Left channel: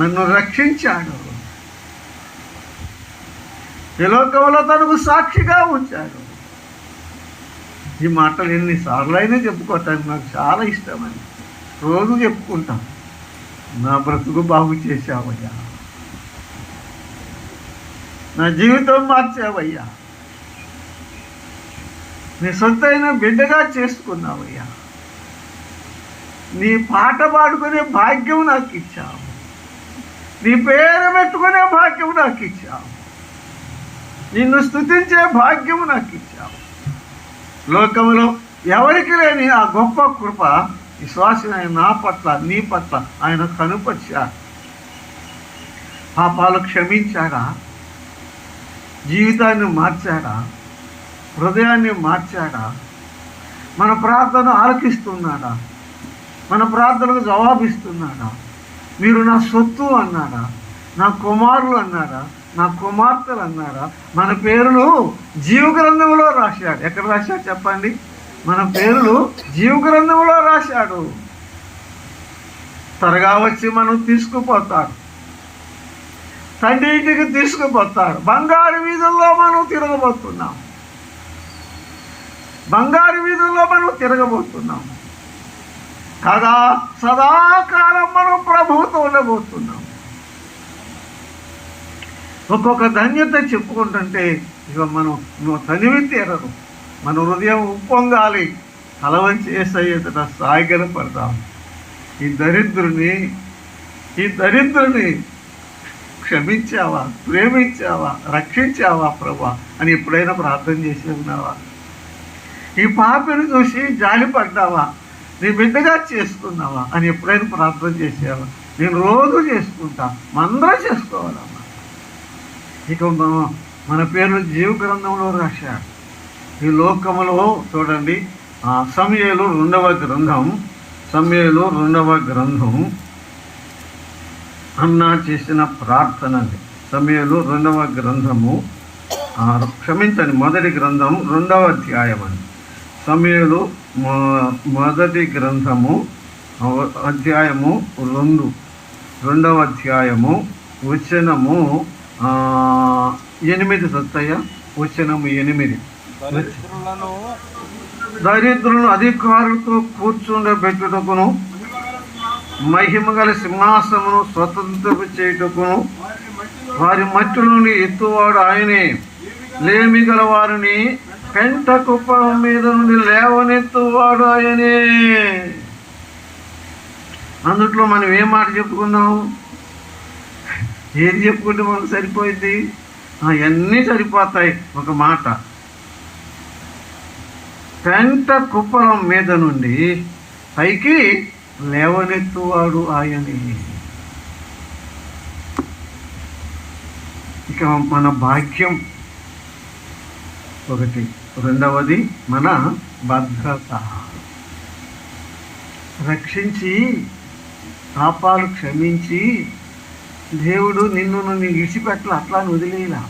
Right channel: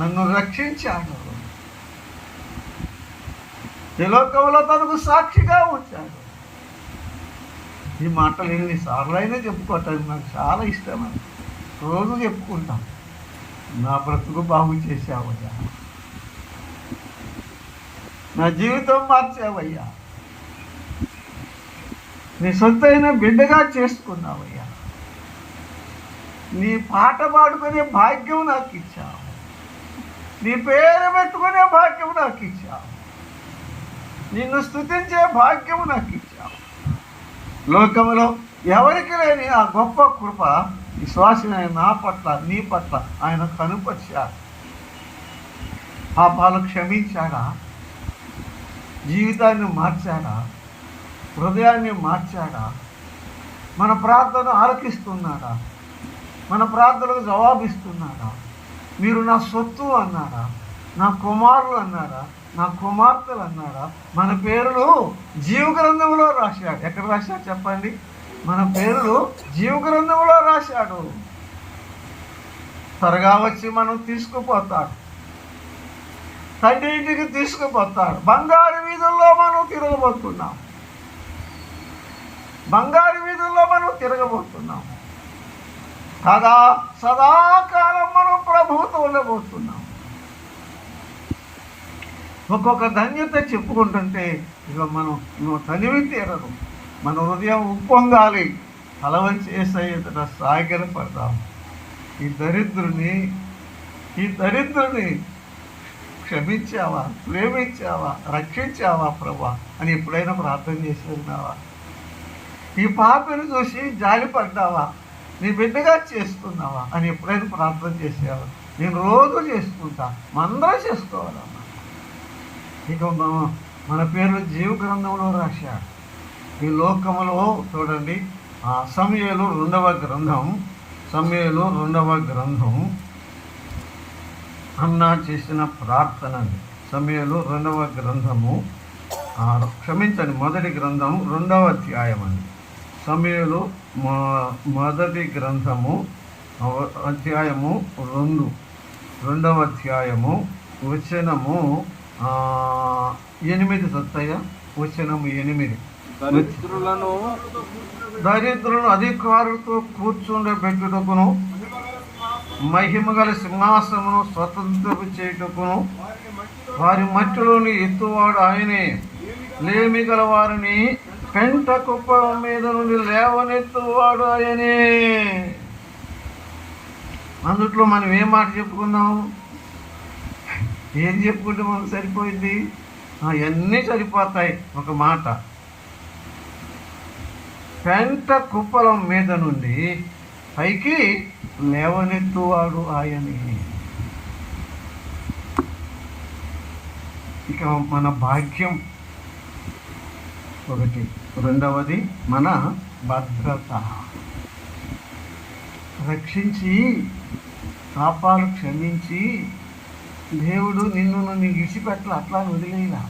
నన్ను రక్షించాడు, ఈ లోకంలో తనకు సాక్షిగా ఉంచాడు. ఈ మాటలు ఎన్నిసార్లు అయినా చెప్పుకోవటానికి నాకు చాలా ఇష్టమని రోజు చెప్పుకుంటాం. నా బ్రతుకు బాగు చేశావయ్యా, నా జీవితం మార్చావయ్యా, నీ సొంతైన బిడ్డగా చేసుకున్నావయ్యా, నీ పాట పాడుకునే భాగ్యం నాకు ఇచ్చావు, నీ పేరు పెట్టుకునే భాగ్యం నాకు ఇచ్చావు, నిన్ను స్తుతించే భాగ్యం నాకు ఇచ్చావు. లోకంలో ఎవరికి లేని ఆ గొప్ప కృప విశ్వాసమైన నా పట్ల, నీ పట్ల ఆయన కనుపరిచాడు. పాపాలు క్షమించాడా, జీవితాన్ని మార్చాడా, హృదయాన్ని మార్చాడా, మన ప్రార్థన ఆలకిస్తున్నాడా, మన ప్రార్థనకు జవాబిస్తున్నాడా, మీరు నా సొత్తు అన్నాడా, నా కుమారులు అన్నాడా, నా కుమార్తెలు అన్నాడా, మన పేర్లు జీవగ్రంథంలో రాశాడు. ఎక్కడ రాశాడు చెప్పండి? మన పేర్లు జీవగ్రంథంలో రాశాడు. త్వరగా వచ్చి మనం తీసుకుపోతాడు, తండ్రి ఇంటికి తీసుకుపోతాడు. బంగారు వీధుల్లో మనం తిరగబోతున్నాం, బంగారు వీధుల్లో మనం తిరగబోతున్నాం కదా. సదాకాలం మనం ప్రభువుతో ఉండబోతున్నాం. ఒక్కొక్క ధన్యత చెప్పుకుంటుంటే ఇక మనం తనివి తీరదు. మన హృదయం ఉప్పొంగాలి, తలవంచి ఏసయ్యేట సాయిగల పడతాం. ఈ దరిద్రుని క్షమించావా, ప్రేమించావా, రక్షించావా ప్రభా అని ఎప్పుడైనా ప్రార్థన చేసి ఉన్నావా? ఈ పాపిని చూసి జాలిపడ్డావా, నీ బిడ్డగా చేసుకున్నావా అని ఎప్పుడైనా ప్రార్థన చేసావా? నేను రోజు చేసుకుంటా, మనందరం చేసుకోవాలమ్మా. ఇక మన పేర్లు జీవ గ్రంథంలో రాశాడు. ఈ లోకములో చూడండి, సమూయేలు 2వ గ్రంథం, సమూయేలు 2వ గ్రంథం అన్నా చేసిన ప్రార్థన. సమూయేలు 2వ గ్రంథము, క్షమించండి, మొదటి గ్రంథం 2వ అధ్యాయం అండి. సమూయేలు మొదటి గ్రంథము అధ్యాయము 2వ అధ్యాయము వచనము 8 సత్తయ్య, వచనము 8. దరిద్రులను అధికారులతో కూర్చుండబెట్టుటకును, మహిమగల సింహాసనమును స్వతంత్రపు చేయుటకును, వారి మట్టిలోని ఎత్తువాడు ఆయనే, లేమి గల వారిని పెంట కుప్పల మీద నుండి లేవనెత్తువాడు ఆయనే. అందుట్లో మనం ఏం మాట చెప్పుకున్నాం? ఏది చెప్పుకుంటే మనకు సరిపోయింది? అన్నీ సరిపోతాయి. ఒక మాట, పెంట కుప్పలం మీద నుండి పైకి లేవనెత్తువాడు ఆయనే. ఇక మన భాగ్యం ఒకటి, రెండవది మన భద్రత. రక్షించి పాపాలు క్షమించి దేవుడు నిన్ను విడిచిపెట్టల, అట్లా వదిలేలా.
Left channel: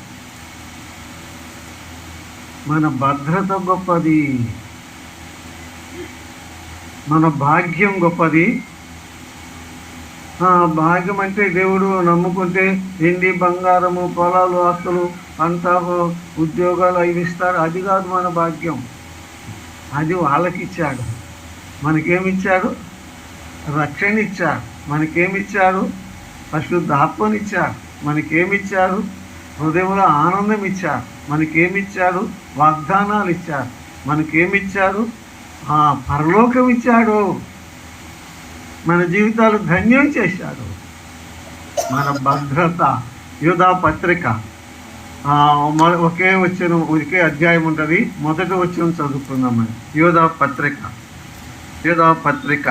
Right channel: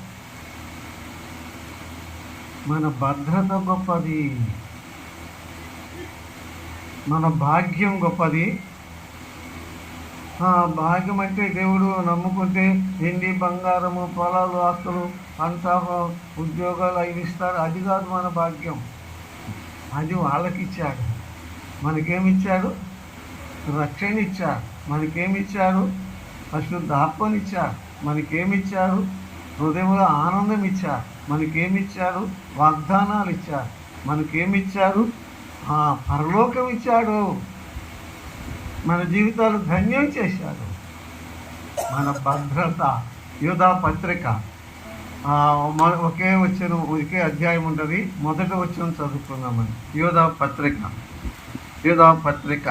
మన భద్రత గొప్పది, మన భాగ్యం గొప్పది. భాగ్యం అంటే దేవుడు నమ్ముకుంటే వెండి బంగారము, పొలాలు, ఆస్తులు, పంట, ఉద్యోగాలు అవి ఇస్తాడు. అది కాదు మన భాగ్యం. అది వాళ్ళకి ఇచ్చాడు. మనకేమిచ్చాడు? రక్షణ ఇచ్చాడు. మనకేమిచ్చాడు? పరిశుద్ధాత్మనిచ్చాడు. మనకేమిచ్చాడు? హృదయంలో ఆనందం ఇచ్చాడు. మనకేమిచ్చాడు? వాగ్దానాలు ఇచ్చాడు. మనకేమిచ్చాడు? పరలోకం ఇచ్చాడు. మన జీవితాలు ధన్యం చేశాడు. మన భద్రత. యోధా పత్రిక ఒకే అధ్యాయం ఉంటుంది. మొదటి వచనం చదువుకుందామని. యోధా పత్రిక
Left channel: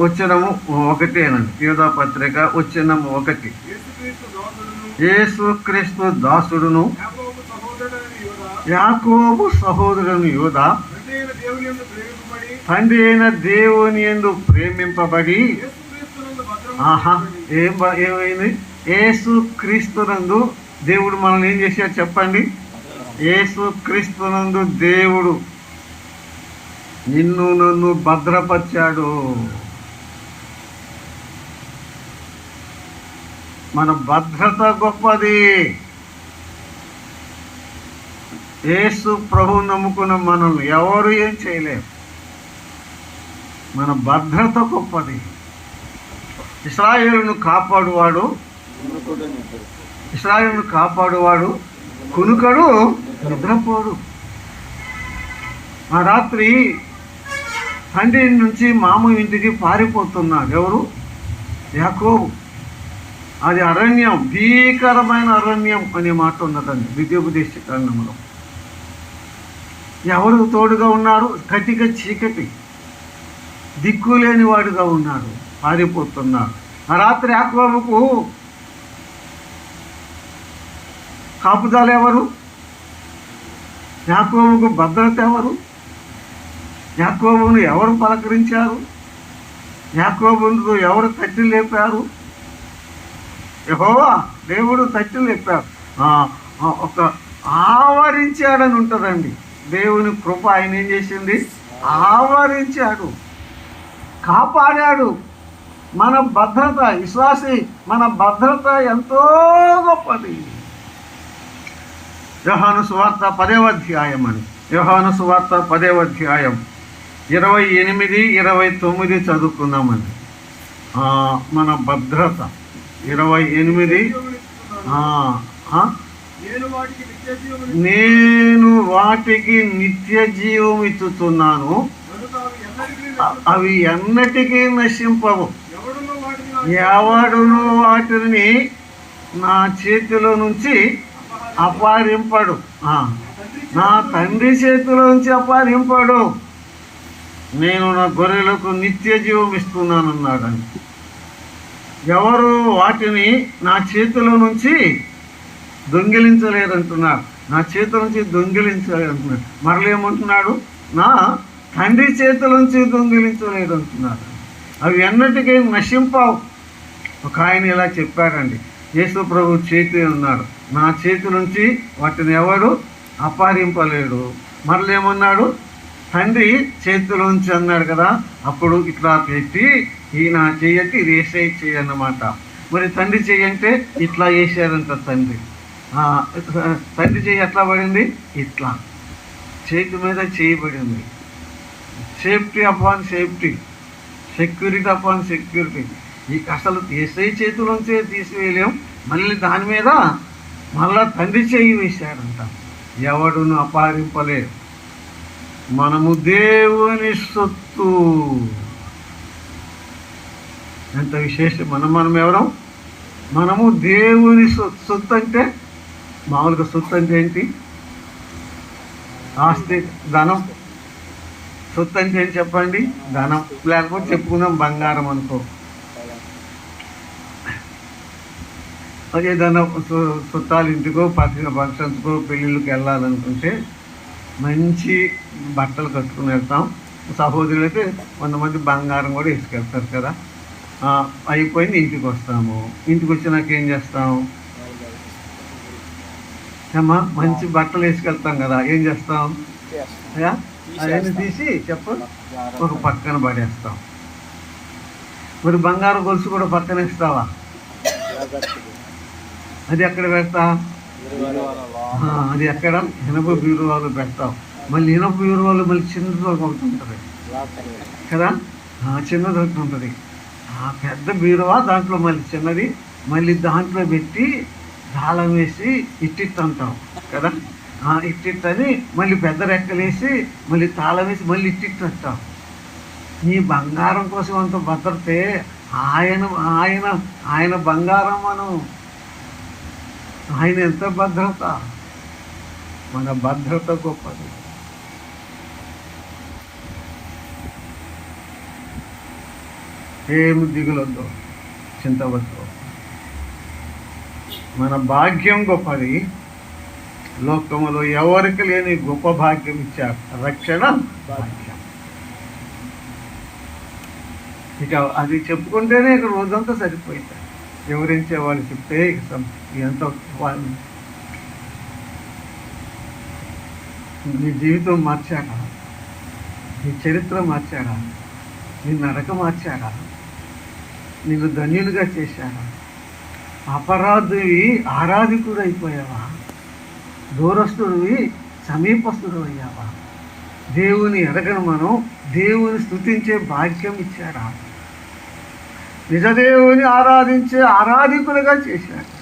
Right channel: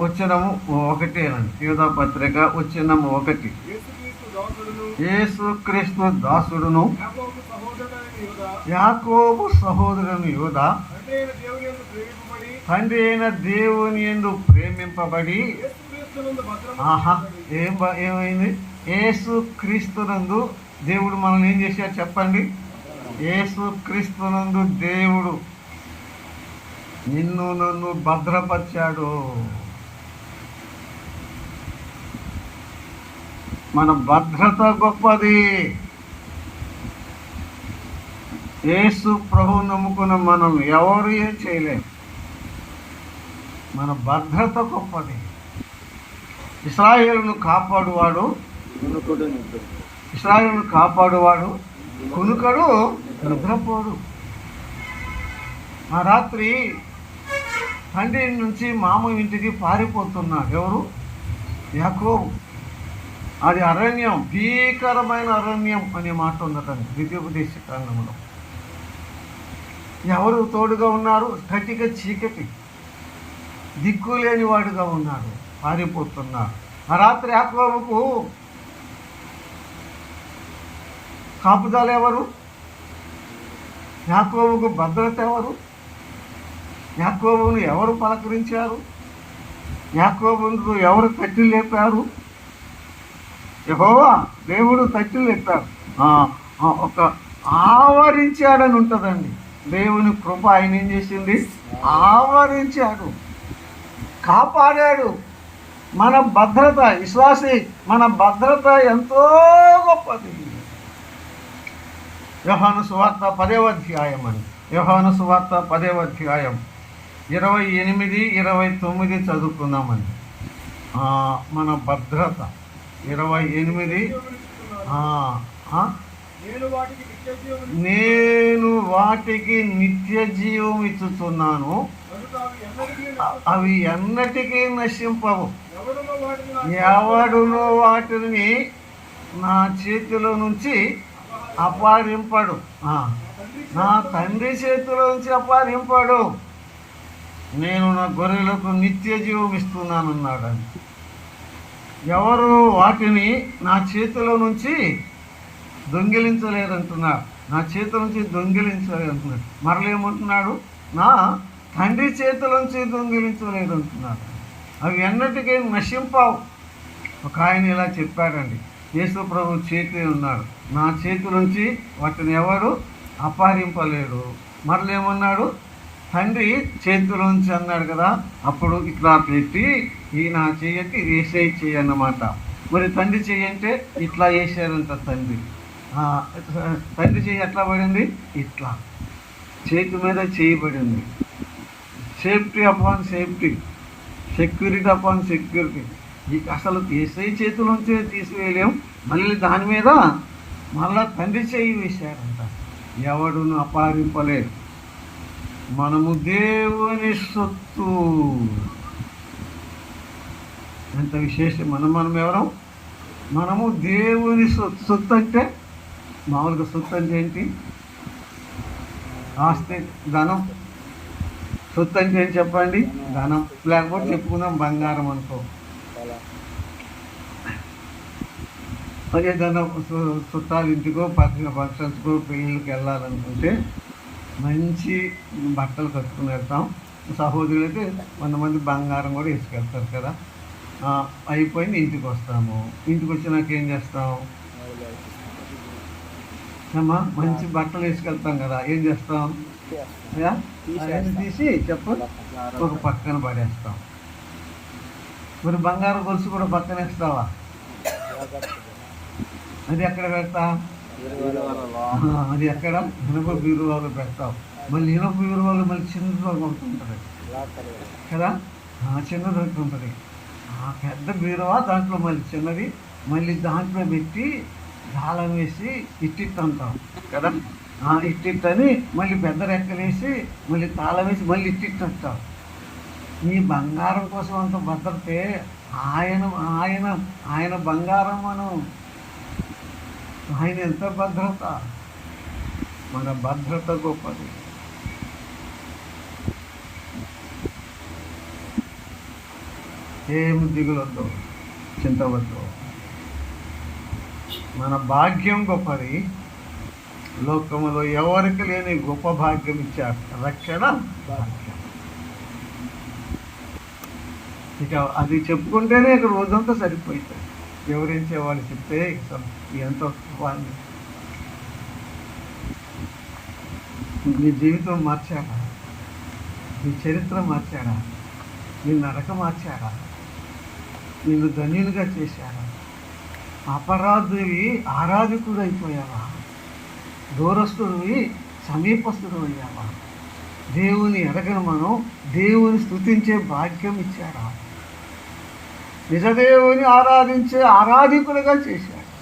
వచనము 1 అనండి. యోధా పత్రిక వచనము 1. యేసుక్రీస్తు దాసుడును యాకోబు సహోదరుని యోధా, తండ్రి అయిన దేవుని యందు ప్రేమింపబడి, ఏమైంది? యేసుక్రీస్తునందు దేవుడు మనల్ని ఏం చేశాడు చెప్పండి? యేసుక్రీస్తునందు దేవుడు నిన్ను నన్ను భద్రపరిచాడు. మన భద్రత గొప్పది. యేసు ప్రభువు నమ్ముకున్న మనల్ని ఎవరు ఏం చేయలేరు. మన భద్రత గొప్పది. ఇశ్రాయేలును కాపాడువాడు కునుకడు నిద్రపోడు. ఆ రాత్రి తండ్రి నుంచి మామ ఇంటికి పారిపోతున్నాడు. ఎవరు? యాకోబు. అది అరణ్యం, భీకరమైన అరణ్యం అనే మాట ఉన్నదండి ద్వితీయోపదేశ కాండంలో. ఎవరు తోడుగా ఉన్నారు? కటిక చీకటి, దిక్కులేని వాడుగా ఉన్నాడు, పారిపోతున్నాడు. ఆ రాత్రి యాకోబుకు కాపుదల ఎవరు? యాకోబుకు భద్రత ఎవరు? యాకోబును ఎవరు పలకరించారు? యాకోబును ఎవరు తట్టి లేపారు? యెహోవా దేవుడు తట్టి లేపారు. ఒక ఆవరించాడని ఉంటుందండి. దేవుని కృప ఆయన ఏం చేసింది? ఆవరించాడు, కాపాడాడు. మన భద్రత, విశ్వాసి మన భద్రత ఎంతో గొప్పది. యోహాను సువార్త 10వ అధ్యాయం అండి. యోహాను సువార్త 10వ అధ్యాయం 28, 29 చదువుకుందామండి. మన భద్రత 28. నేను వాటికి నిత్య జీవం ఇచ్చుతున్నాను, అవి ఎన్నటికీ నశింపవు. ఎవడును వాటిని నా చేతిలో నుంచి అపహరింపడు. నా తండ్రి చేతిలో నుంచి అపహరింపడు. నేను నా గొర్రెలకు నిత్య జీవం ఇస్తున్నానన్నాడు. ఎవరు వాటిని నా చేతిలో నుంచి దొంగిలించలేదంటున్నాడు. నా చేతుల నుంచి దొంగిలించలేదంటున్నాడు. మరలేమంటున్నాడు? నా తండ్రి చేతుల నుంచి దొంగిలించలేదంటున్నాడు. అవి ఎన్నటికీ నశింపవు. ఒక ఆయన ఇలా చెప్పాడండి, యేసు ప్రభు చేతి ఉన్నాడు, నా చేతి నుంచి వాటిని ఎవరు అపహరింపలేడు. మరలేమన్నాడు? తండ్రి చేతిలోంచి అన్నాడు కదా. అప్పుడు ఇట్లా పెట్టి ఈయన చెయ్యకి ఇది వేసే చెయ్యన్నమాట. మరి తండ్రి చెయ్యంటే ఇట్లా వేసారంట. తండ్రి చెయ్యి ఎట్లా పడింది? ఇట్లా చేతి మీద చేయబడింది. Safety upon safety, security upon security. అసలు ఏసై చేతిలోంచి తీసివేయలేం, మళ్ళీ దాని మీద మళ్ళా తండ్రి చెయ్యి వేశాడంట. ఎవడును అపహరింపలేదు. మనము దేవుని సొత్తు. ఎంత విశేషం! మనం ఎవరం? మనము దేవుని సొత్తు. అంటే మామూలుగా సొత్తు అంటే ఏంటి? ఆస్తి, ధనం. సొత్తు అంటే ఏంటి చెప్పండి? ధనం. లేకపోతే చెప్పుకుందాం బంగారం అనుకో. ఏదైనా చుట్టాలు ఇంటికో ఫంక్షన్స్కో పెళ్ళిళ్ళకి వెళ్ళాలనుకుంటే మంచి బట్టలు కట్టుకుని వెళ్తాం. సహోదరులు అయితే కొంతమంది బంగారం కూడా వేసుకెళ్తారు కదా. అయిపోయింది, ఇంటికి వస్తాము. ఇంటికి వచ్చినాక ఏం చేస్తాం? అమ్మా మంచి బట్టలు వేసుకెళ్తాం కదా, ఏం చేస్తాం? అవన్నీ తీసి ఒక పక్కన పడేస్తాం. మరి బంగారం గొలుసు కూడా పక్కన వేస్తావా? అది ఎక్కడ పెడతా? అది ఎక్కడ? ఇనప బీరువాలో పెడతావు. మళ్ళీ ఇనప బీరువాలో మళ్ళీ చిన్నది ఒకటి ఉంటుంది కదా, చిన్నది ఒకటి ఉంటుంది. పెద్ద బీరువా, దాంట్లో మళ్ళీ చిన్నది, మళ్ళీ దాంట్లో పెట్టి తాళం వేసి ఇట్టిట్టు కదా. ఇట్టిట్టని మళ్ళీ పెద్ద రెక్కలేసి మళ్ళీ తాళం వేసి మళ్ళీ ఇట్టిట్టు అంటాం. నీ బంగారం కోసం అంత భద్రతే. ఆయన ఆయన ఆయన బంగారం. మనం ఆయన ఎంత భద్రత. మన భద్రత గొప్పది. ఏమి దిగులొద్దు, చింతవద్దు. మన భాగ్యం గొప్పది. లోకములో ఎవరికి లేని గొప్ప భాగ్యం ఇచ్చారు, రక్షణ భాగ్యం. ఇక అది చెప్పుకుంటేనే ఇక్కడ రోజంతా సరిపోయింది. ఎవరించే వాళ్ళు చెప్తే ఎంత నీ జీవితం మార్చాడా, నీ చరిత్ర మార్చాడా, నీ నడక మార్చాడా, నిన్ను ధన్యుడిగా చేశాడా, అపరాధివి ఆరాధికుడు అయిపోయావా? దూరస్తుడివి సమీపస్తుడు అయ్యావా? దేవుని ఎరగను మనం దేవుని స్తుతించే భాగ్యం ఇచ్చాడా? నిజదేవుని ఆరాధించే ఆరాధికులుగా చేశాడు.